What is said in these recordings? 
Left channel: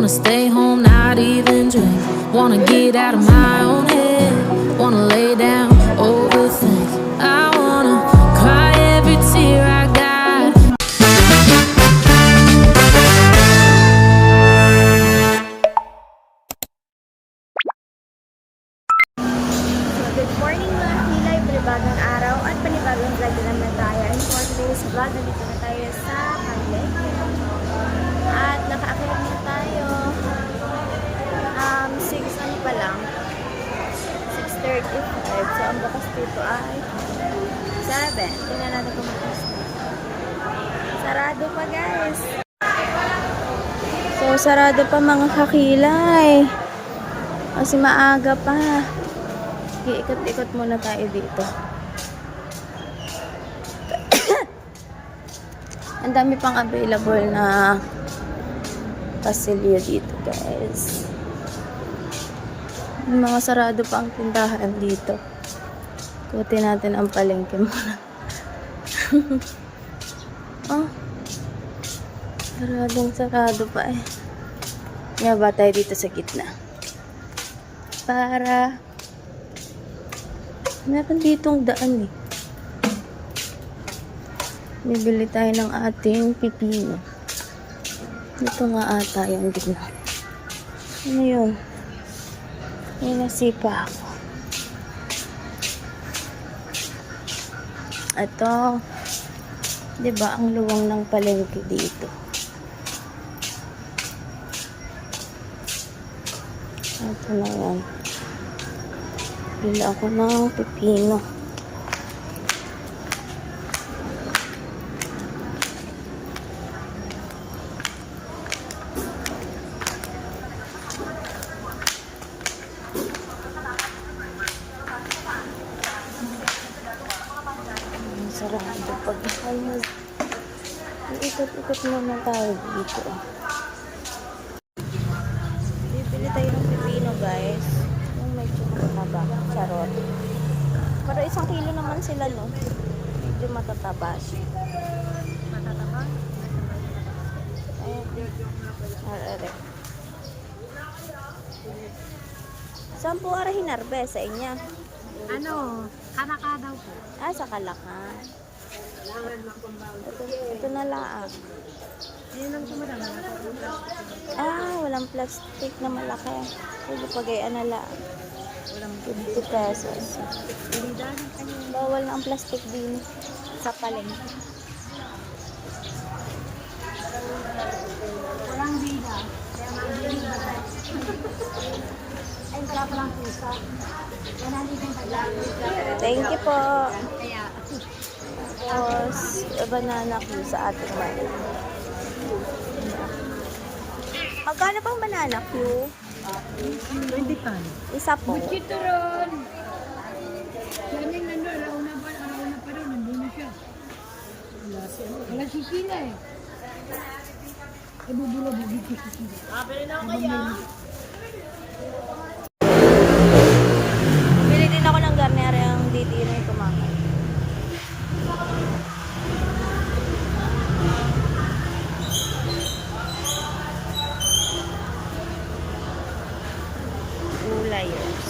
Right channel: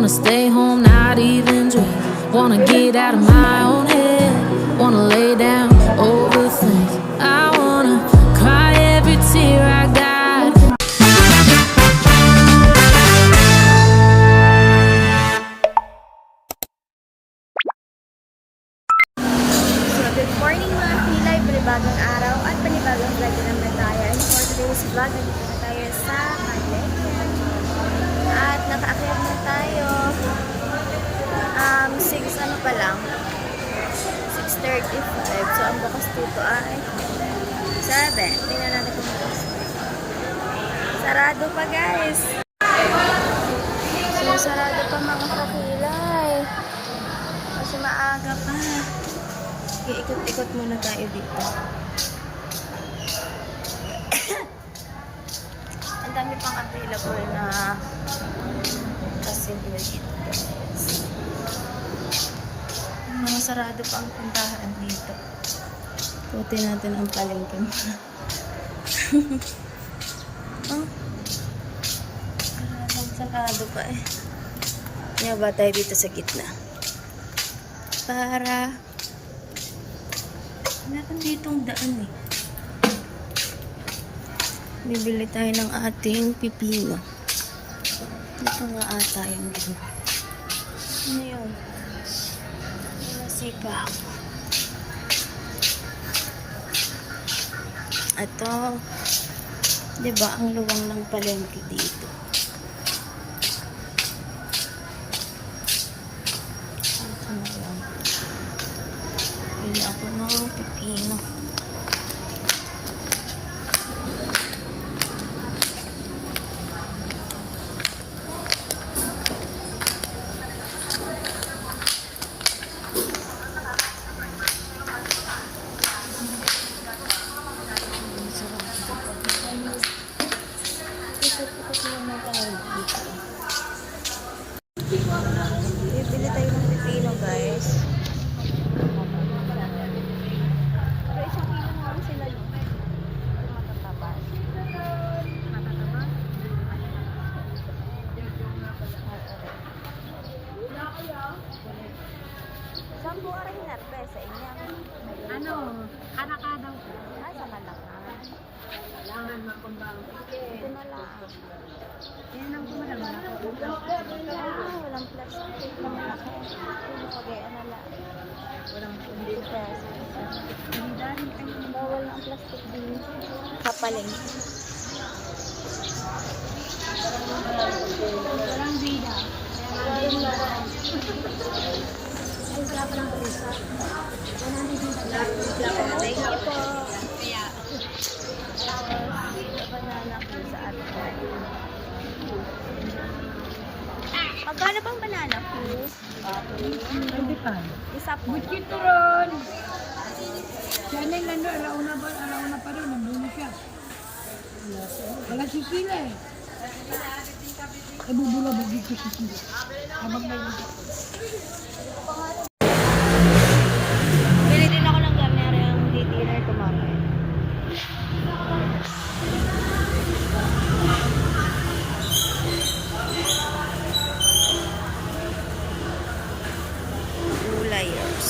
Wanna stay home, not even drink. Wanna get out of my own head. Wanna lay down, overthink. I wanna cry every tear I got. So, good morning mga kilay, panibagong araw at panibagong vlog na naman tayo. And for today's vlog, nandito na tayo sa Palengke. At nakaakyat na tayo. 6:35. So, ang bukas dito ay 7. Tingnan natin kung bukas na. Sarado pa guys. So, sarado pa mga kakilay. Kasi maaga pa. Ikot-ikot muna tayo dito. Ang dami pang available na pasilyo dito guys. Mga sarado pa ang tindahan dito. Puti natin ang palengke muna. Oh, sarado pa eh. Yaba tayo dito sa gitna. Para meron ditong daan eh. Bibili tayo ng ating pipino. Dito nga ata yung din. Ano yun? May nasipa ako. Ito. Diba ang luwang ng palengke dito? Ito na yan. Bili ako ng pipino. Sarado pag ayos. Ikot-ikot naman tayo dito. Bibili tayo ng pipino guys. Yung medyo matataba. Sarot. Pero 1 kilo naman sila no. Medyo matataba. Matataba? Saan po ara hinarbe sa inyo? Ano? Kalaka daw po. Ah, sa Kalaka. Ito na lang. Ngayon po madama na po. Ah, walang plastic na malaki. Sige, pagayaan na lang. 50 pesos. Bawal na ang plastic din sa palengke. Walang bida. Ay, sarap lang po. Thank you po. Tapos, banana ko sa ating bali. Magkano pang banana Q? 25. Isa po. Bukito ron. Yan ay nando, alauna pa rin. Nandun na siya. Wala si Sila eh. Kabubula ba dito si Sila? Habang may Bili din ako ng garner yung dinner ko mamaya. Gulayers.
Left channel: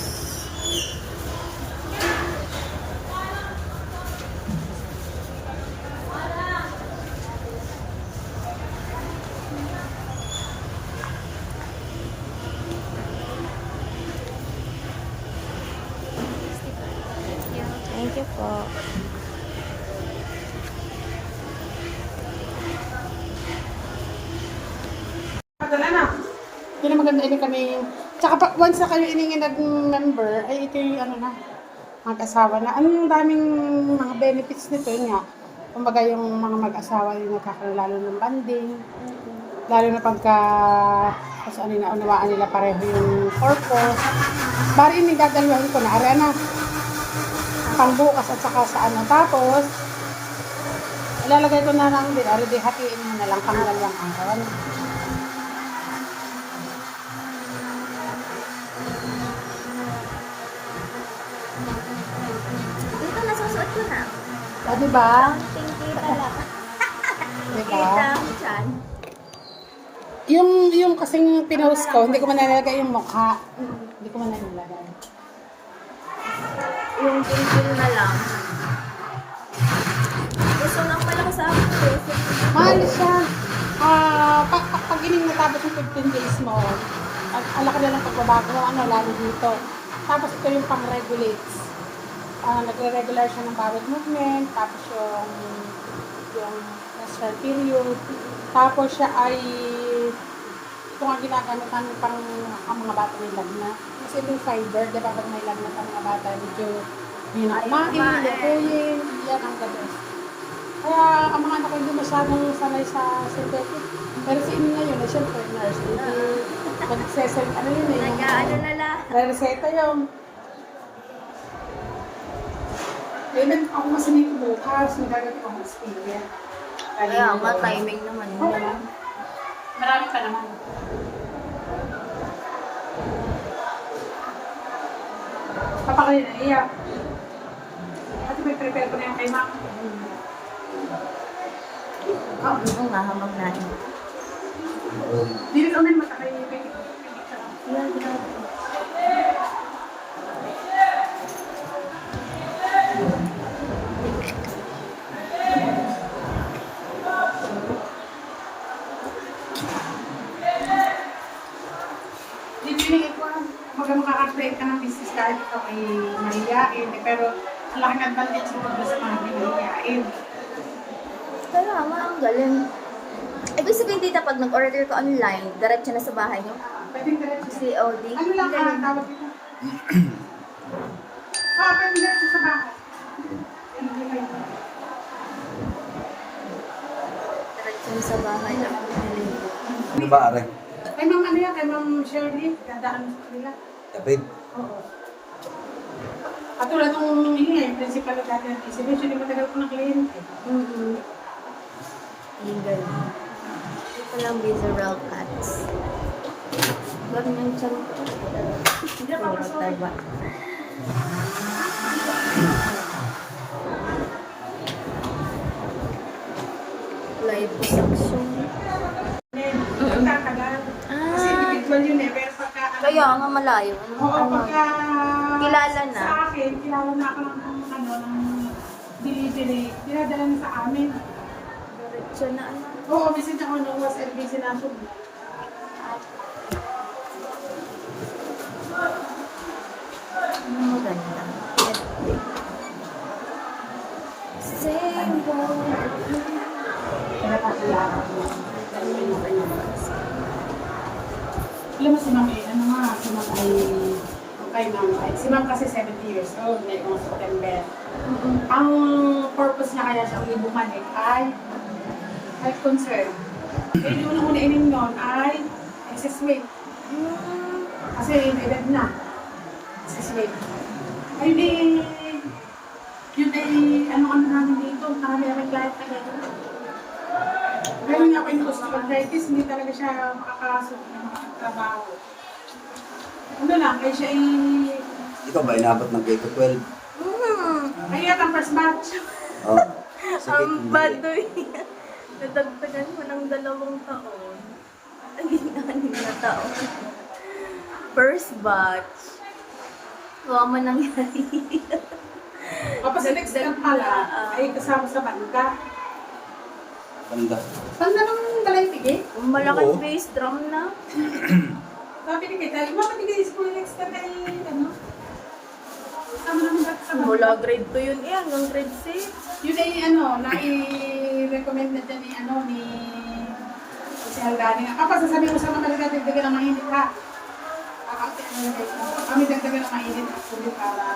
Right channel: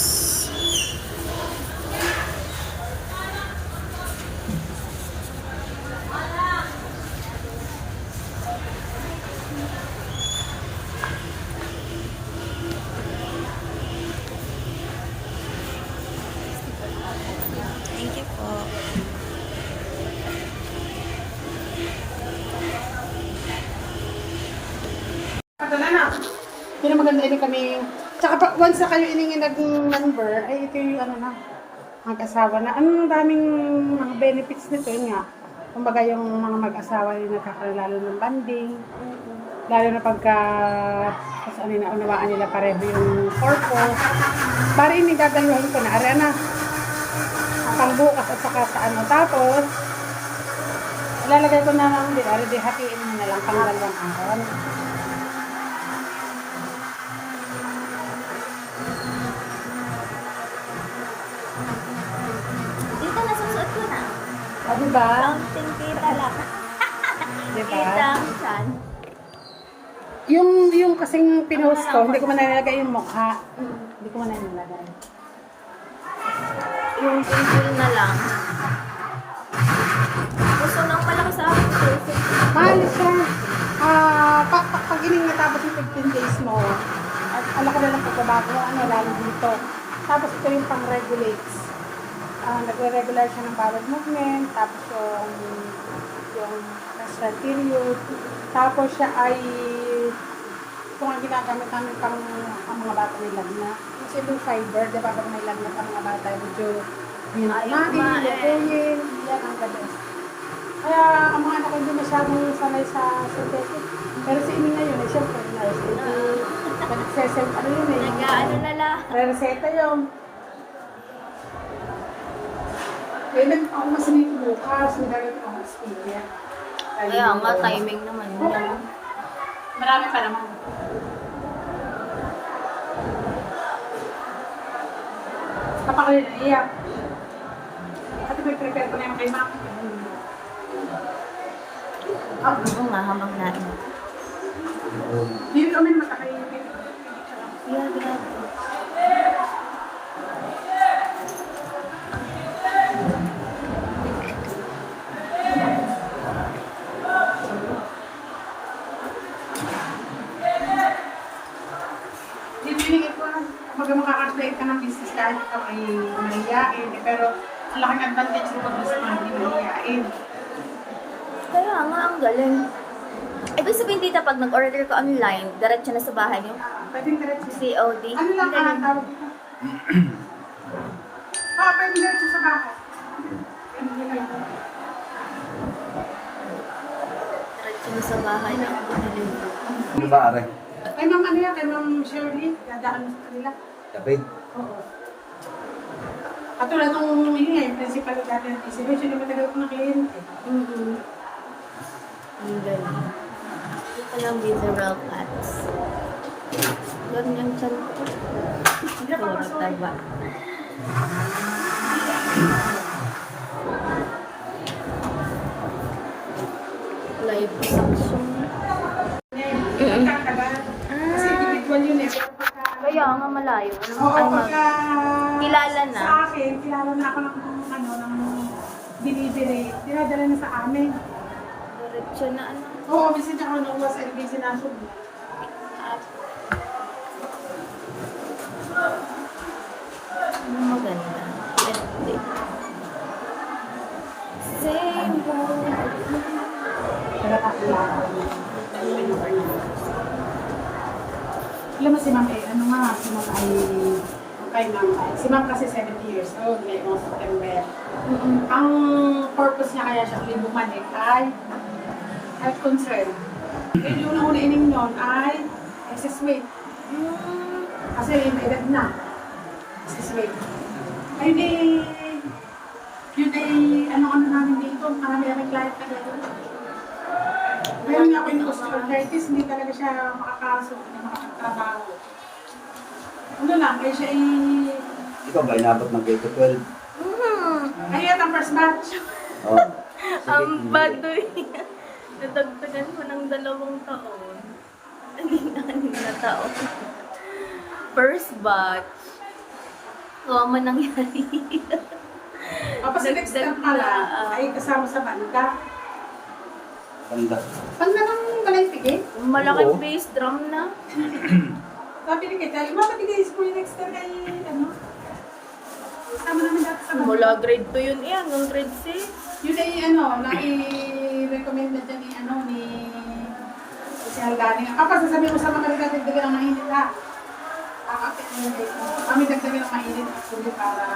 Thank you po. Padala na. Hindi na maganda ini kami. Tsaka once na kayo iningin nag-number, ay ito yung ano na, mag-asawa na. Anong daming mga benefits nito yun nga. Kumbaga yung mga mag-asawa yung nagkakaroon ng banding. Lalo na pagka, ano na, unawaan nila pareho yung purpose. Bari yung nagagawin ko na, ari na, pang bukas at saka sa ano. Tapos, ilalagay ko naman din, ari di hatiin na lang pang dalawang angkan. Dito nasusuot ko na. Diba? Counting kita lang. Diba? Kita ang chan. Yung kasing pinost ko, hindi ko man nalagay yung mukha. Hindi ko man nalagay. Yung pin na lang. Gusto nang malaki sa akin. Mahal siya. Pag ining natapos yung 15 days mo, alak na lang pagbabago mo, lalo dito. Tapos ito yung pang-regulates. Nagre-regular siya ng bowel movement, tapos yung menstrual period. Tapos siya ay, ito nga ginagamit namin pang ang mga bata may lagnat. Kasi yung fiber, di ba pag may lagnat ang mga bata, medyo kumain, yan ang gabi. Kaya ang mga anak ko hindi masyadong sanay sa synthetic. Pero si Imi ngayon, siyempre, nurse. Nag-session, ano yun eh. Nag-ano na lang. Reseta yun. Kaya ako masinit bukas, nagagawin ako ng Australia. Kaya nga, timing naman yun. Marami pa naman. Papakulit na iya. Pati may prepare ko na yan kay ma'am. Oo nga, habang nain. Hindi rin kami matakay. Yeah, grabe. Dinigit ko, makaka-create ka ng business kahit ikaw ay mahihiyain. Pero ang laking advantage nito sa mga hindi mahihiyain. Kaya nga, ang galing. Ibig sabihin dito, pag nag-order ka online, diretso na sa bahay nyo? Pwedeng diretso. COD? Ano lang Galing. ang tawag dito? Pwedeng diretso sa bahay. Diretso na sa bahay na ako deliver. Ano ba, Are? Kay ma'am ano yan, kay ma'am Shirley, dadaan sa kanila. Kapit. Oo. Katulad nung yung principal na dati ng ECB, siya naman tagal ko na kliyente. Ang galing. Ito palang visceral cuts. Ganyan chan ko. Puro taba. Liposuction. Pagkatagal. Kasi individual yun eh. Pero pagka, Kaya nga malayo. oo, pagka, Kilala na. Sa akin, kilala na ako ng delivery. Dinadala na sa amin. Diretso na ano. Oo, minsan ako nung was LBC na ako. Ano maganda? Edit. Same boat. Kaya kakilala ko. Alam mo si Ma'am eh, ano nga, si Ma'am ay, kay Ma'am ay, si Ma'am kasi 70 years old, ngayong September. Ang purpose niya kaya siya uli bumalik ay health concern. Kaya yung unang-una ining nun ay excess weight. Kasi may edad na. Excess weight. Ayun eh, yun ay ano namin dito, marami namin client na gano'n. Meron nga ako yung osteoarthritis, hindi talaga siya makakasok, hindi makakatrabaho. Ano lang, kaya siya Ikaw ba inabot ng K-12? ay at ang first batch. Oo. Ang baduy. Nadagdagan ko ng 2 taon. Naging 6 na taon. First batch. Kuha mo nangyari. Tapos sa next step pala, ay kasama sa banda. Banda. Banda ng Balaytige. Malaking Oo. bass drum na. Sabi ni Kita, imapatigay school next time ay ano. Kasama naman dati sa banda. Mula grade 2 yun eh, hanggang grade 6. Yun ay ano, nai-recommend na dyan ni ano, ni Kusinal Dani. Kapag sasabihin mo sa mga talaga, dagdagan ng mainit ha. Kami dagdagan ng mainit actually para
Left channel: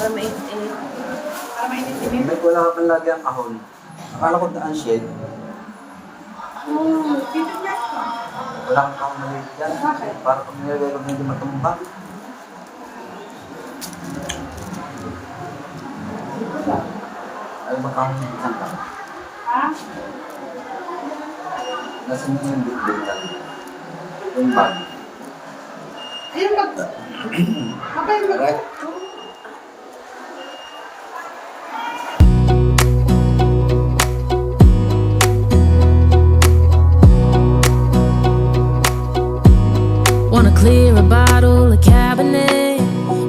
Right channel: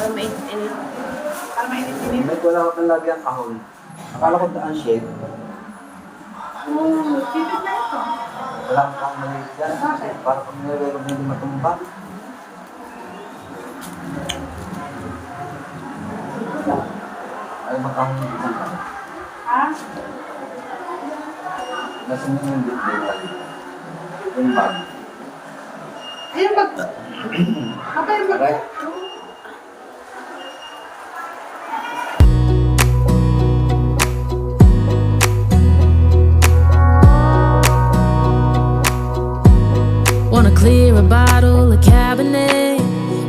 Mainit. para mainit-init. May wala ka pang lagi ang kahon. Akala ko daan shade. Oo, dito na ito. Wala kang kahon maliit dyan. Bakit? Para kung nilagay medyo matumpak. Ay, makahon dyan. Ha? Lasing mo yung bitbitan. Yung bag. Ayun mag... Kapag yung mag... Right? Wanna clear a bottle of Cabernet.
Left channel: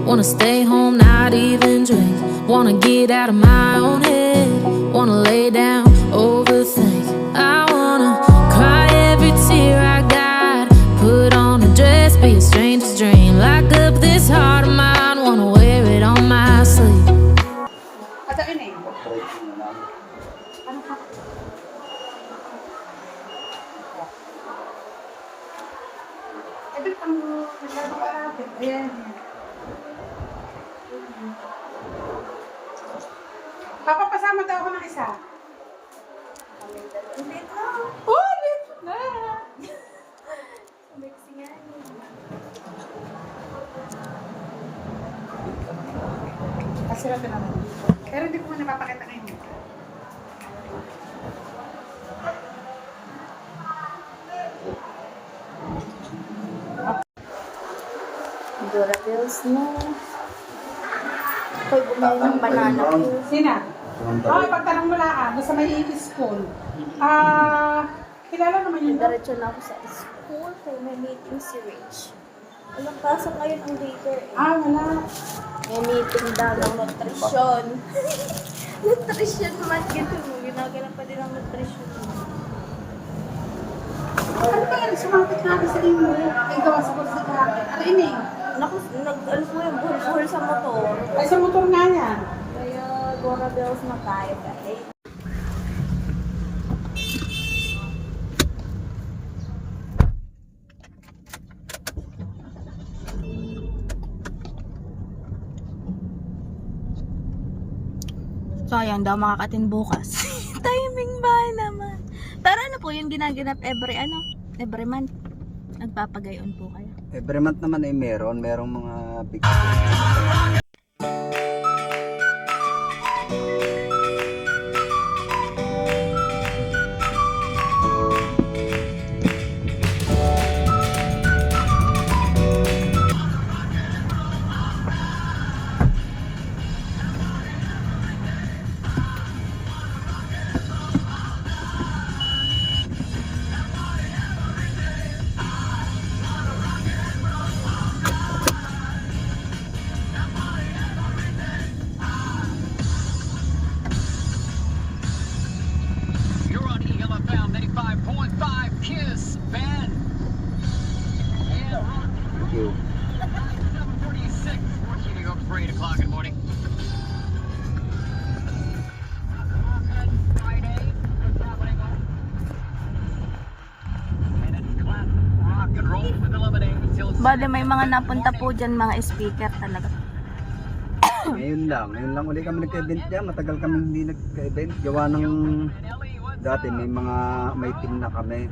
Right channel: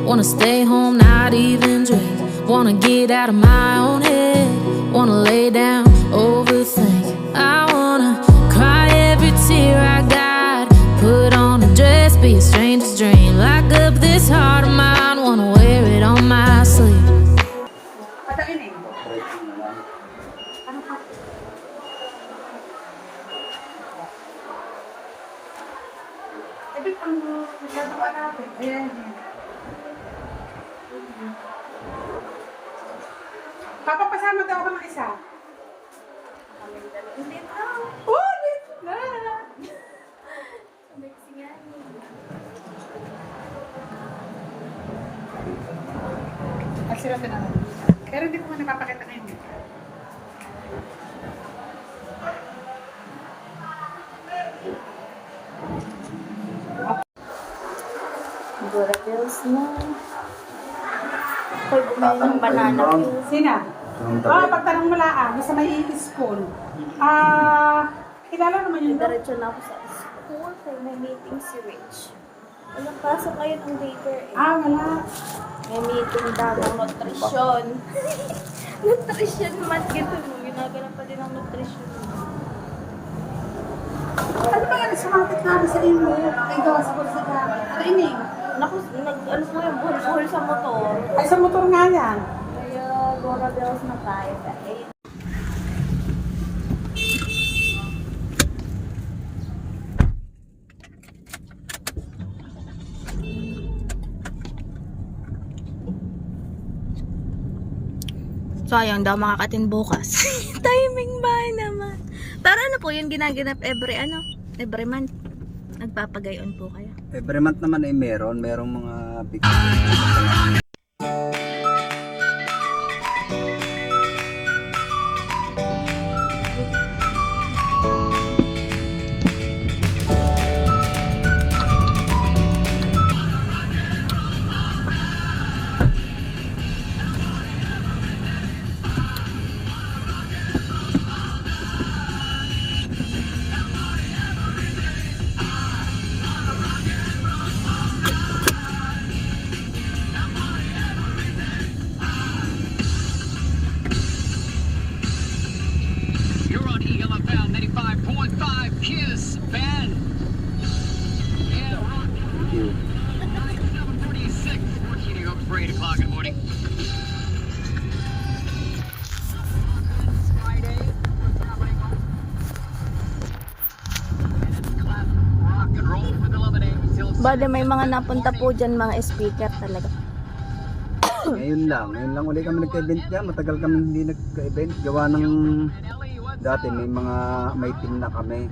Wanna stay home, not even drink. Wanna get out of my own head. Wanna lay down, overthink. I wanna cry every tear I got. Put on a dress, be a stranger's dream. Lock up this heart of mine. Wanna wear it on my sleeve. Ata ini. Operation na lang. Ebit ang gagawa natin. Ayan. Papapasama daw ako ng isa. Hindi na. Oh, dito na. Mixing nga. Kasi natin naman. Pero hindi ko muna napapakita ngayon. Dora Bills, no. Ako'y bumili ng banana cue. Sina? Yung Oh, pagtanong mo lang, basta may school. Kilala naman yun. no? Diretso na ako sa school kaya may meeting si Rich. Walang pasok ngayon ang daycare eh. Wala. May meeting daw ng nutrition. Nutrition month gito mo. Ginagana pa din ang nutrition month. Ano ba yan? Sumakit namin sa imo. Ikaw sa kursa ka. Ano ini? Naku, ano po yung buhol-buhol sa motor. Ay, sa motor nga yan. Kaya Dora Bells na tayo guys. Sayang daw makakatin bukas. Timing ba naman? Pero ano po yung ginaganap every month? Nagpapagayon po kayo. every month naman ay merong mga big You're on Eagle FM 85.5 Kiss, Ben. Yeah, Thank you. 746. We're heating up for 8 o'clock in the morning. Friday. What's happening? And it's classic rock and roll with 11 till Bale, may mga napunta po dyan mga speaker talaga. Ngayon lang uli kami nagka-event dyan. Matagal kami hindi nagka-event. Gawa ng dati may team na kami.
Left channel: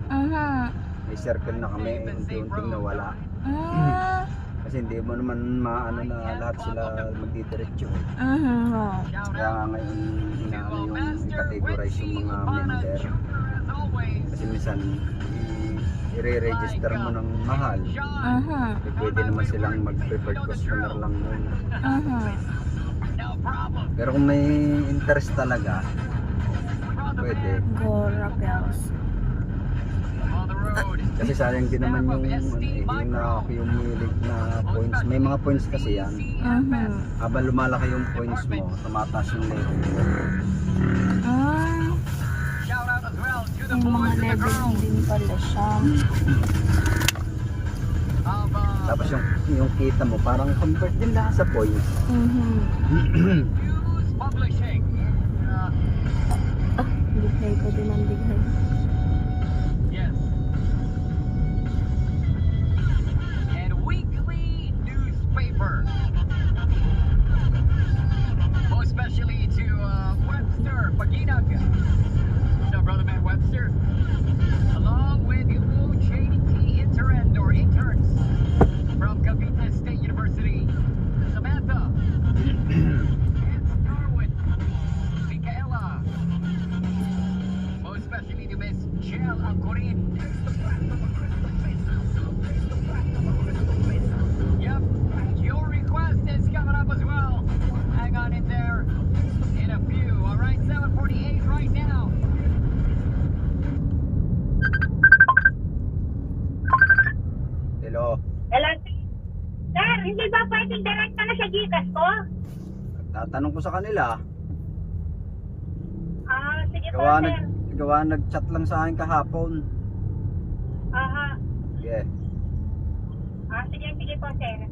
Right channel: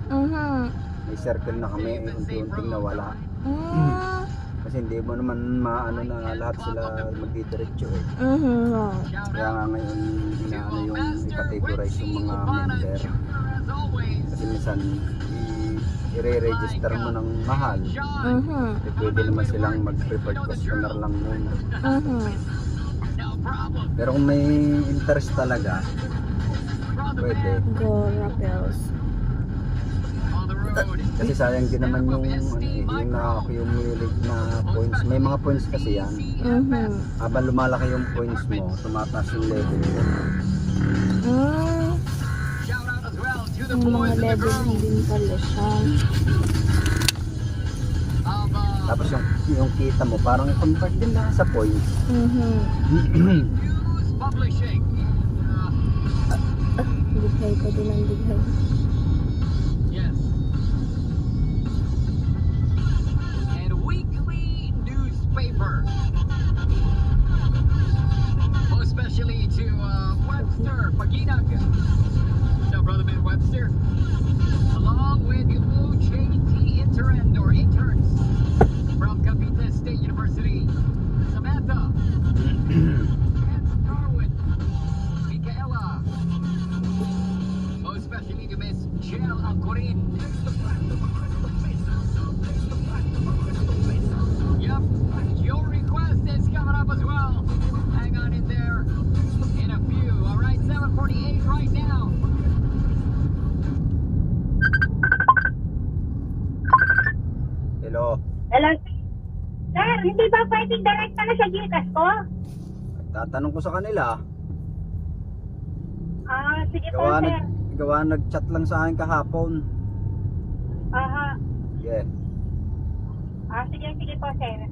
May circle na kami. Unti-unting nawala. Kasi hindi mo naman maano na lahat sila magdidiretso eh. Kaya nga ngayon inaano yung i-categorize yung mga member. Kasi minsan i-re-register mo ng mahal. Kasi pwede naman silang mag-preferred customer lang muna. Pero kung may interest talaga, pwede. Dora Bells. Kasi sayang din naman yung na-accumulate na points. May mga points kasi yan. Habang lumalaki yung points mo, tumataas yung level mo. Yung mga level din pala siya. Tapos yung kita mo, parang convert din lahat sa points. publishing. Dighay pa din ang dighay. Yes. And weekly newspaper. Most especially to Webster Paginag. So, Brother Man Webster. Along with OJT interns from Cavite State University. Samantha. And Darwin. Michaela. Most especially to Miss hindi ba pwedeng direct na sa Gcash ko? Tatanong ko sa kanila. Sige po, sir. Gawa nag-chat lang sa akin kahapon. Aha. Yeah. Sige po, sir.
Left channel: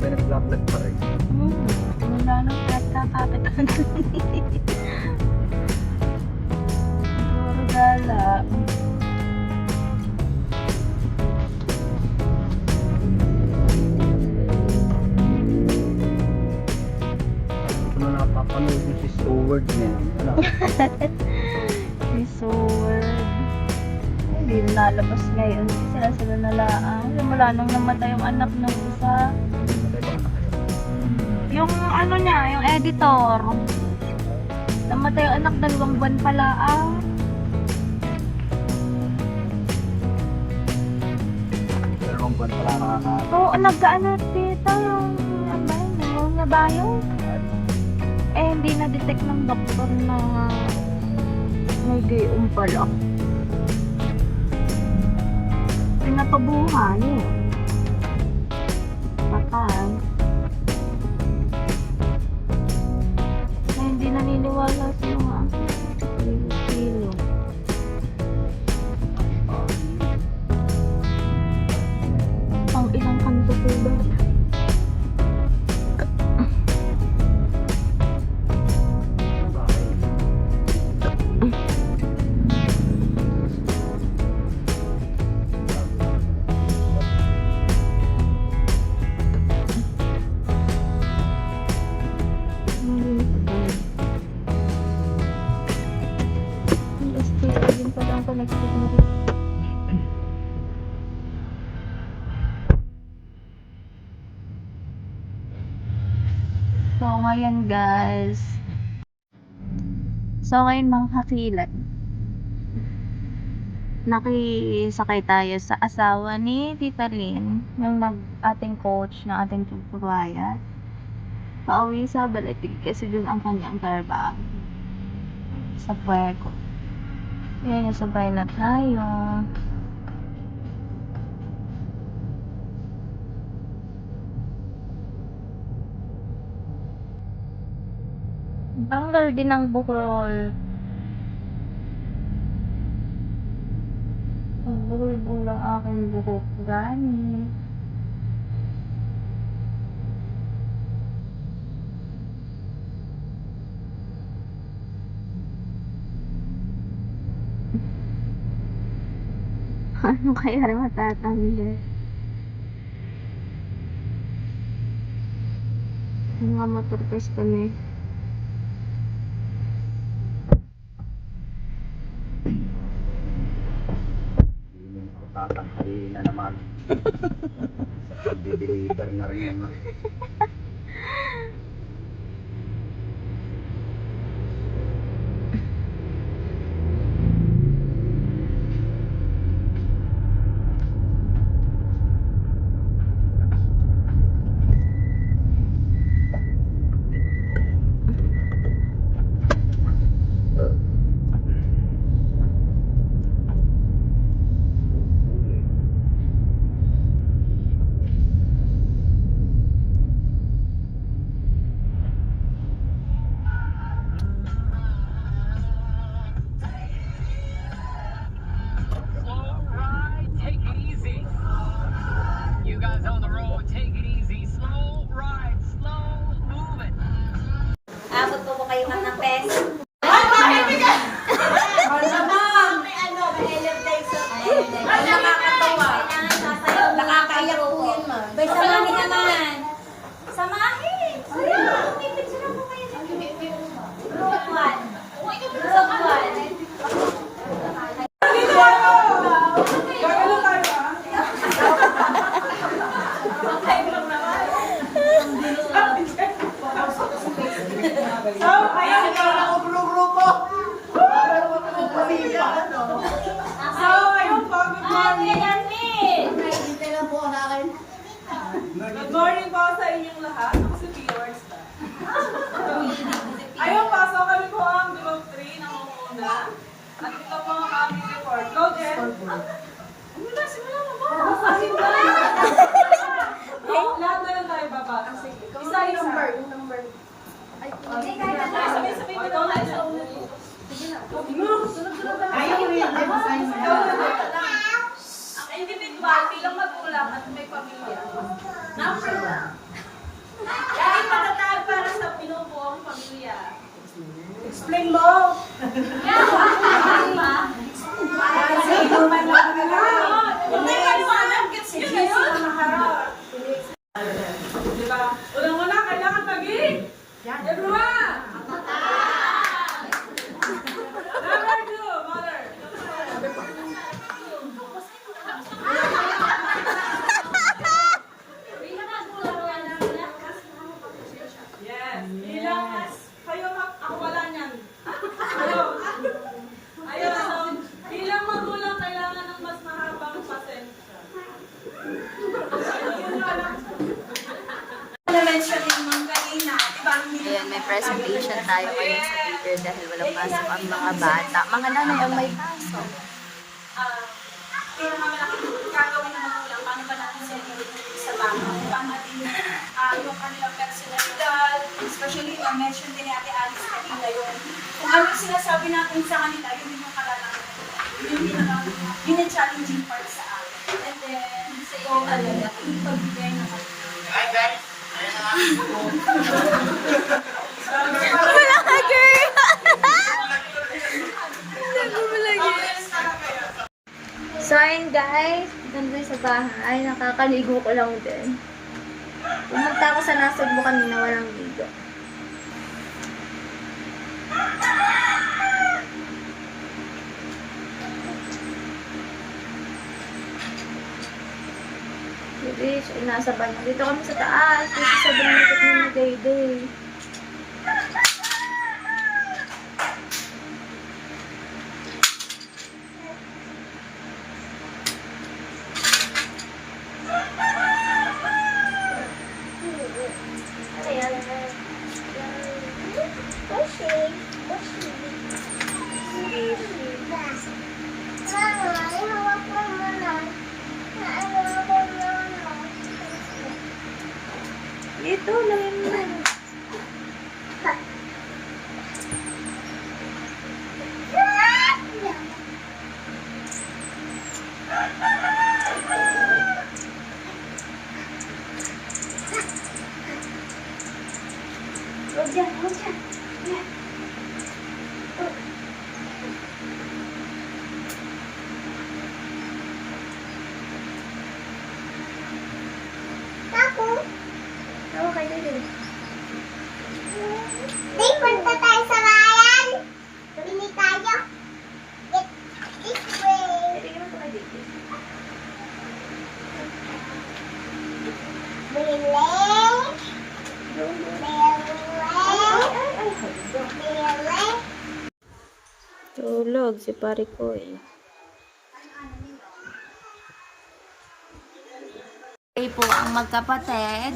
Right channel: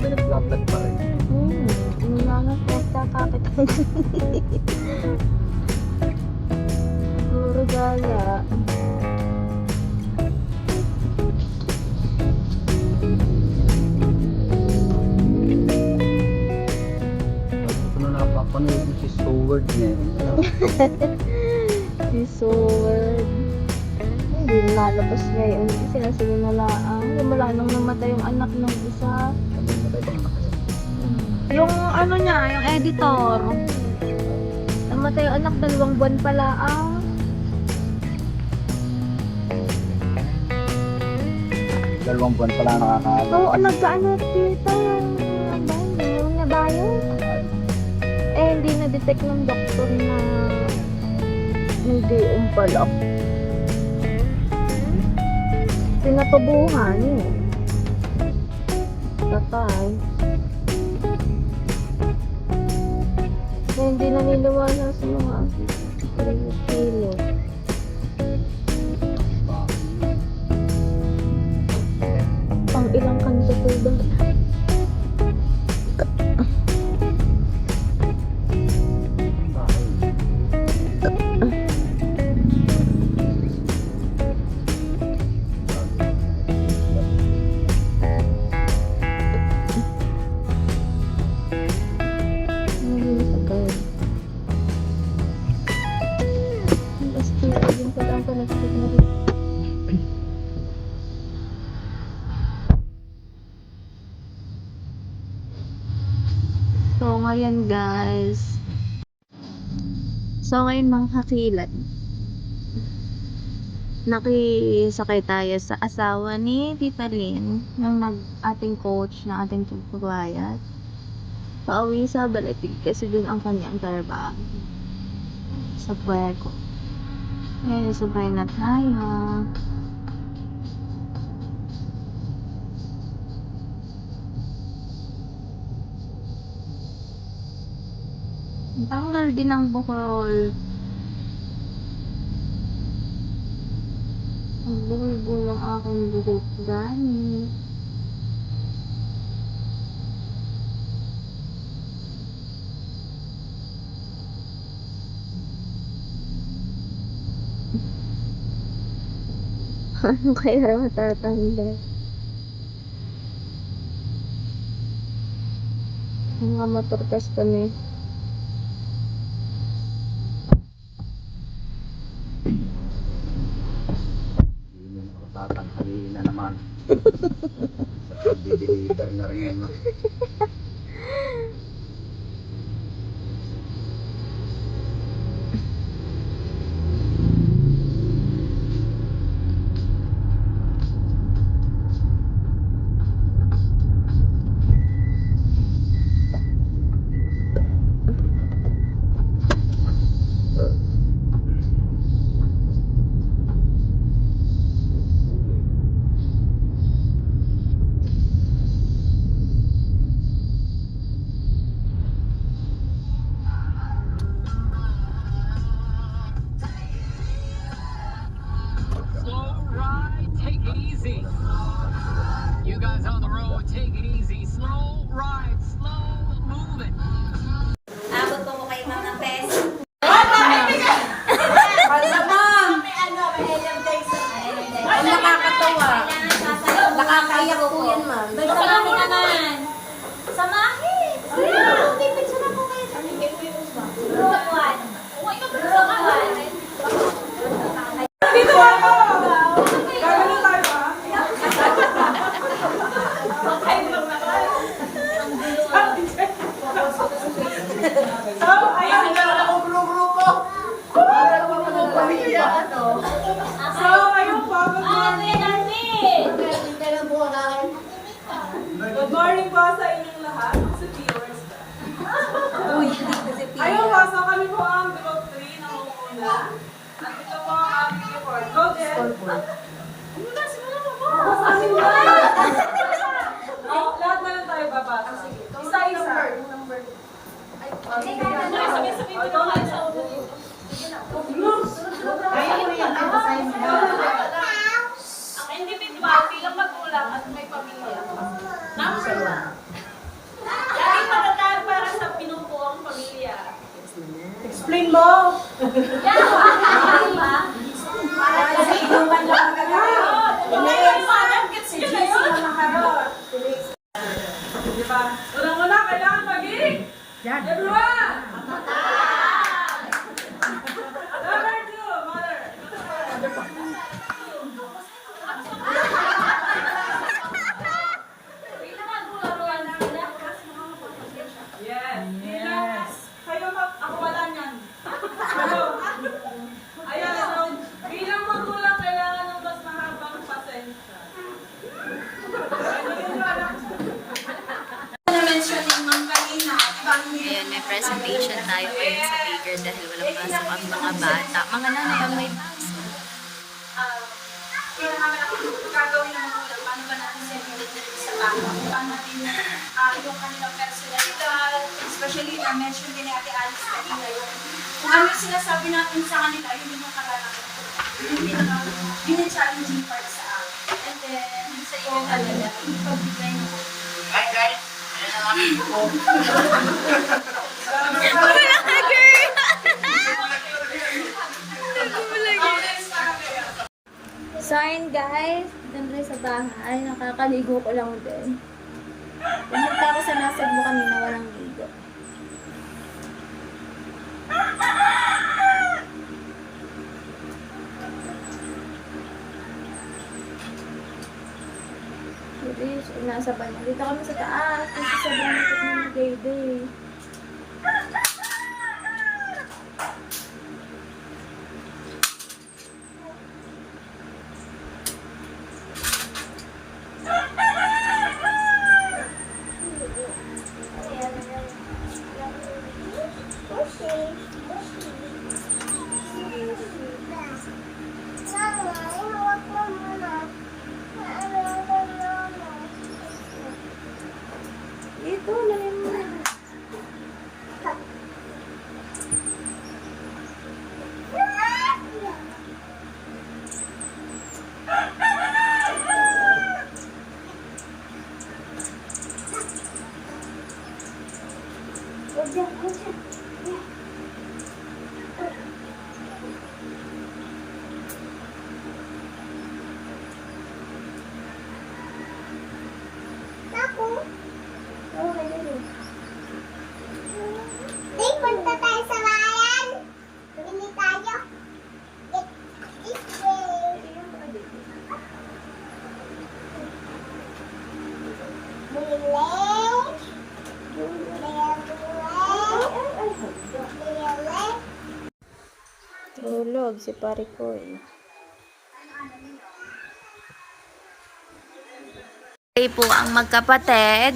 May nag-vlog pa rin. Wala nang nagkakapitan. Puro gala. Ano napapanood mo si Stewart niya? Si Sword. Hindi lalabas ngayon. Sila na lang. Wala nang namatay yung anak ng isa. Yung ano niya, yung editor. Namatay yung anak, 2 buwan pala ah. Dalawang buwan pala nakakaano. Oo, nagkaano dito yung nabayo. Hindi na-detect ng doktor na hindi pala. Pinatubuhan eh. Patay. Hindi naniniwala sa mga kilo. Pang ilang kanto po ba? So, ngayon guys. So, ngayon mga kakilat. Nakisakay tayo sa asawa ni Tita Lynn, yung ating coach na ating tugtubayat. Pauwi sa Balatig kasi dun ang kanyang trabaho. Sa Puerto. Ngayon, sabay na tayo. Tanggal din ang bukol. Ang bulong aking buhok gani. Ano kaya matatanda? Mga motorkas kami. Hindi mo tatanghalin na naman. Pag-deliver na rin naman. ayun po, good morning. Good morning po sa inyong lahat. Ako si Viewers. Ayun po, so kami po ang Group 3 na muna. At ito po ang aming report. Go, Jen. Ano na, simulan mo ba? Lahat na lang tayo babata. Isa-isa. Ikaw na sa ulo. Ang individual bilang magulang at may pamilya. Number 1. Laging matatag para sa pinubuong pamilya. Explain mo! Yan! Ano ba? Kasi inuman lang magagawa. May kaliwanag kasi GC na makarot. Diba? Unang-una, kailangan paging everyone! Number 2, mother. Yes. Bilang kayo ako wala niyan. Kayo. Ayan, so, bilang magulang kailangan ng mas mahabang pasensya. Na-mention ni Ma'am kanina, Ayun, may presentation tayo ngayon sa Baker dahil walang pasok ang mga bata. Mga nanay ang may pasok. Kaya naman natin gagawin na magulang, paano ba natin siya sa tama? Paano natin yung kanilang personalidad, especially na-mention din ni Ate Alice kanina yun. Kung ano yung sinasabi natin sa kanila, yun yung karanasan ko. Yun yung challenging part sa akin. And then, sa iyo talaga, ipagbigay na kayo. So, ayun guys, ganda sa bahay. Nakakaligo ko lang din. Pumunta ako sa Nasugbo kanina, walang ligo. Bilis, nasa banyo. Dito kami sa taas. Kasi sobrang likot na ni Dayday. Dito lang yun. Punta tayo sa bayan. Bili tayo. Get this way. Bili. Bili. Tulog si pare ko eh. Ay po ang magkapatid.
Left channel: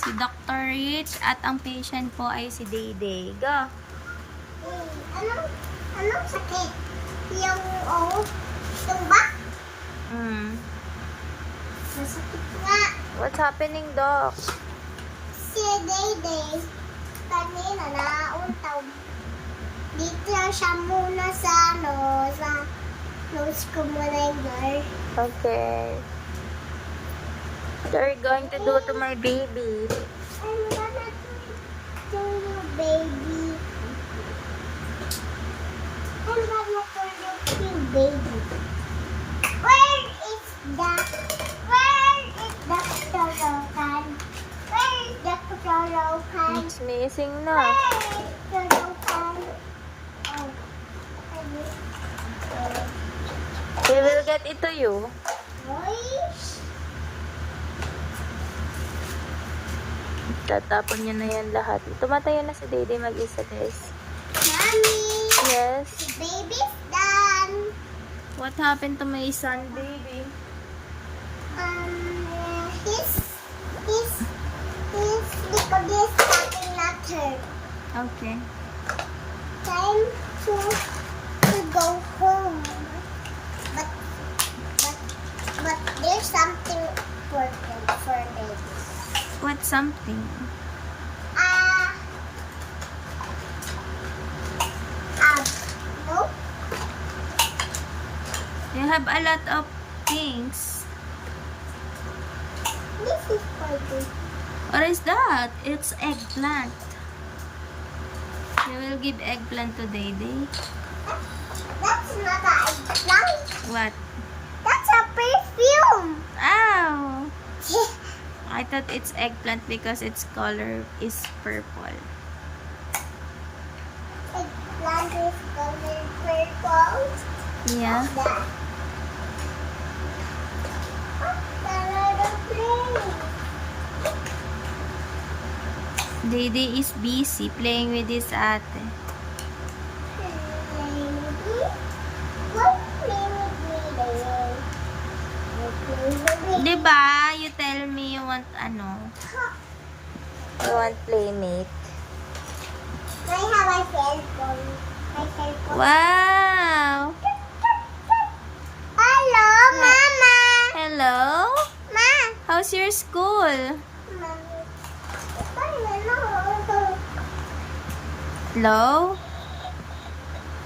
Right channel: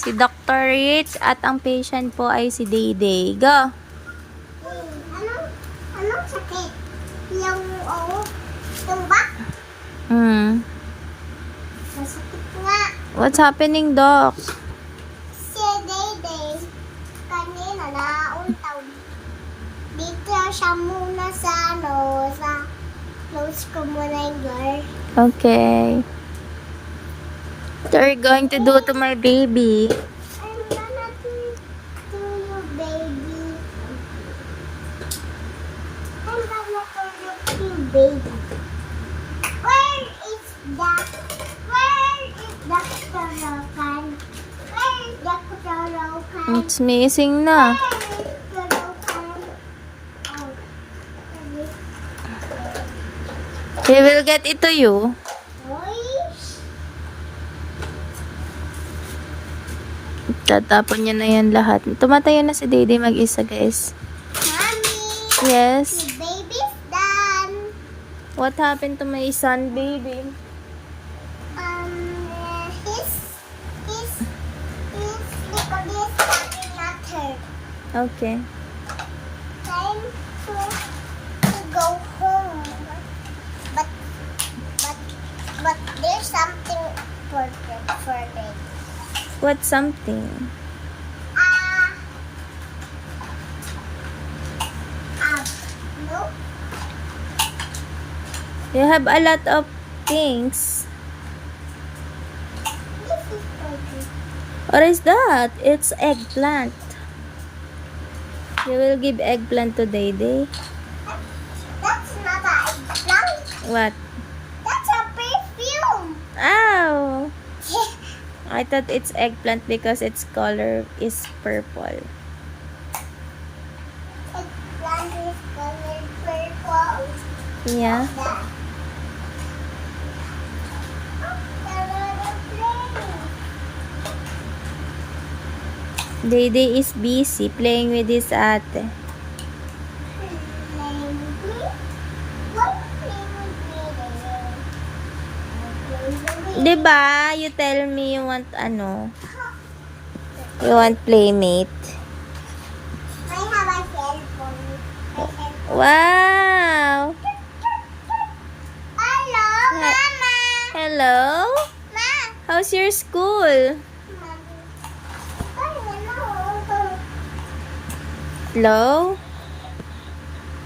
Si Dr. Rich at ang patient po ay si Dayday. Go! Anong sakit? Yung tumba? Masakit nga. What's happening, Doc? Si Dayday, kanina nauntaw. Dito siya muna sa sa nose ko muna yung guard. Okay. What are you going to do to my baby? I'm gonna do your baby. I'm gonna do your baby. Where is Dr. Rokan? Where is Dr. Rokan? It's missing na. Where is Dr. Rokan? Oh, He will get it to you. Tatapon niya na yan lahat. Tumatayo na si Dede mag-isa, guys. Mommy, Yes. the baby's done. What happened to my son, baby? He's because he's starting not hurt. Okay. Time to go home. But there's something important for baby. What something? No. You have a lot of things. This is for this. What is that? It's eggplant. You will give eggplant to Dede. That's not an eggplant. What? That's a perfume. Ow! I thought it's eggplant because its color is purple. Eggplant is colored purple. Yeah. That. There are the flames. Dede is busy playing with his ate. Diba? You tell me you want ano? You want playmate. I have a cell phone. Wow! Hello, Mama. Hello? Ma. How's your school? Hello?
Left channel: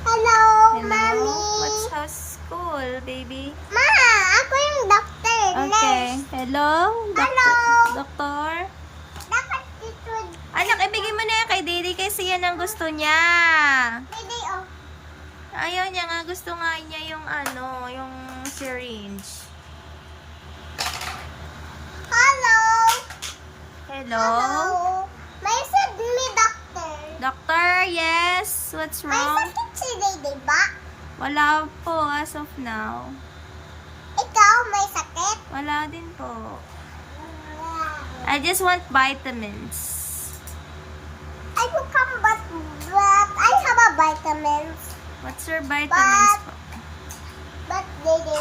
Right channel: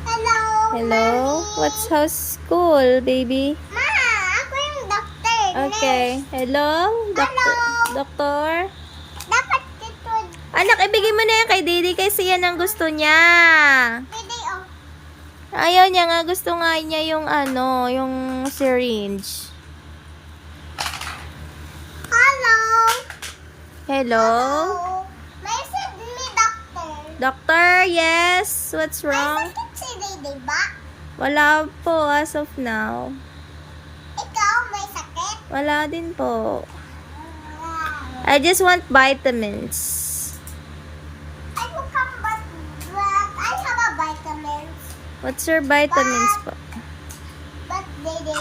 Hello, Hello? Mommy. What's how's school, baby? Ma, ako yung doctor. Okay. Nurse. Hello? Hello. Doktor? Dapat ito. Anak, ibigay mo na yan kay Dede kasi yan ang gusto niya. Pwede, oh. Ayaw niya nga. Gusto nga niya yung ano, yung syringe. Hello. Hello? May said me doctor. Doctor, yes? What's May wrong? sakit si Dede ba? Wala po as of now. Ikaw may sakit? Wala din po. I just want vitamins. I will come but I have a vitamins. What's your vitamins po? But Dede,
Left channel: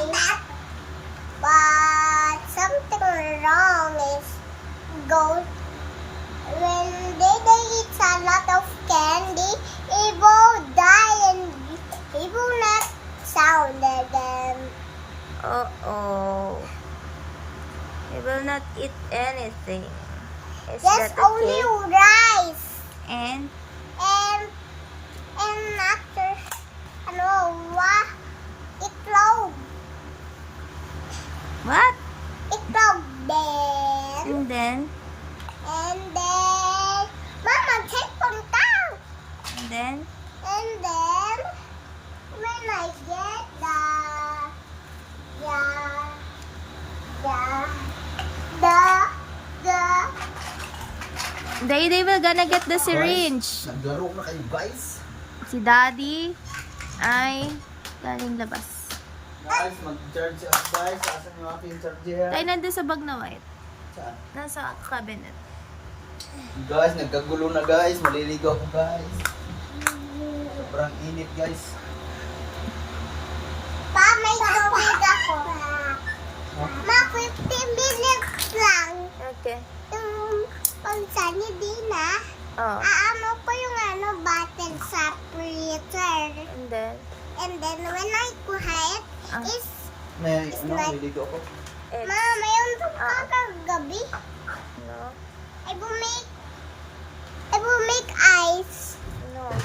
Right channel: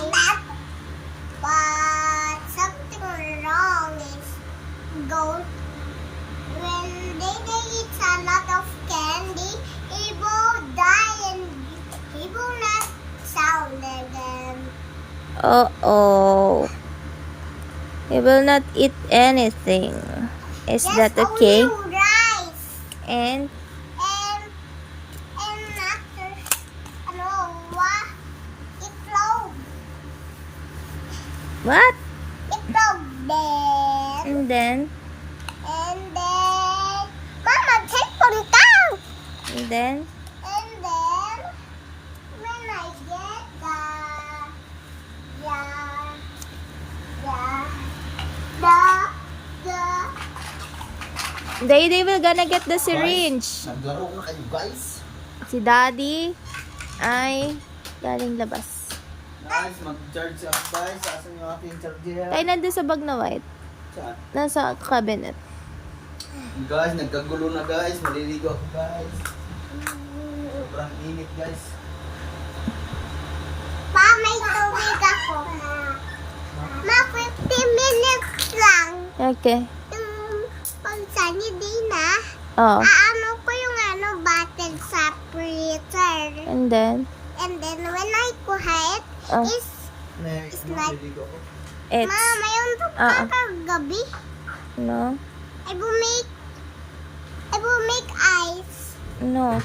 but something wrong is when Dede eats a lot of candy, he will die and he will not sound them. Uh-oh. He will not eat anything. Is Yes, that okay? only rice And and after what? Itlog. what? Itlog then. And then Mama, cellphone ka. and then And then, when I get they will gonna get the syringe. Naglaro na kayo guys. Si Daddy ay galing labas. Guys, mag-charge ako guys. Asan yung aking charger? Tayo nandun sa bag na white. Saan? Nasa cabinet. Guys, nagkagulo na guys. Maliligaw ako guys. Sobrang init guys. Pa, may tubig ako. Ma, 50 minutes lang. Okay. Pagsa niyo din Oh. Aano ko yung bottle sa freezer. And then And then, when I kuha it, Oh. is, May It's ano, like- maliligaw ako. it's Ma, mayroon to Ah. kagabi. no. I will make ice. No.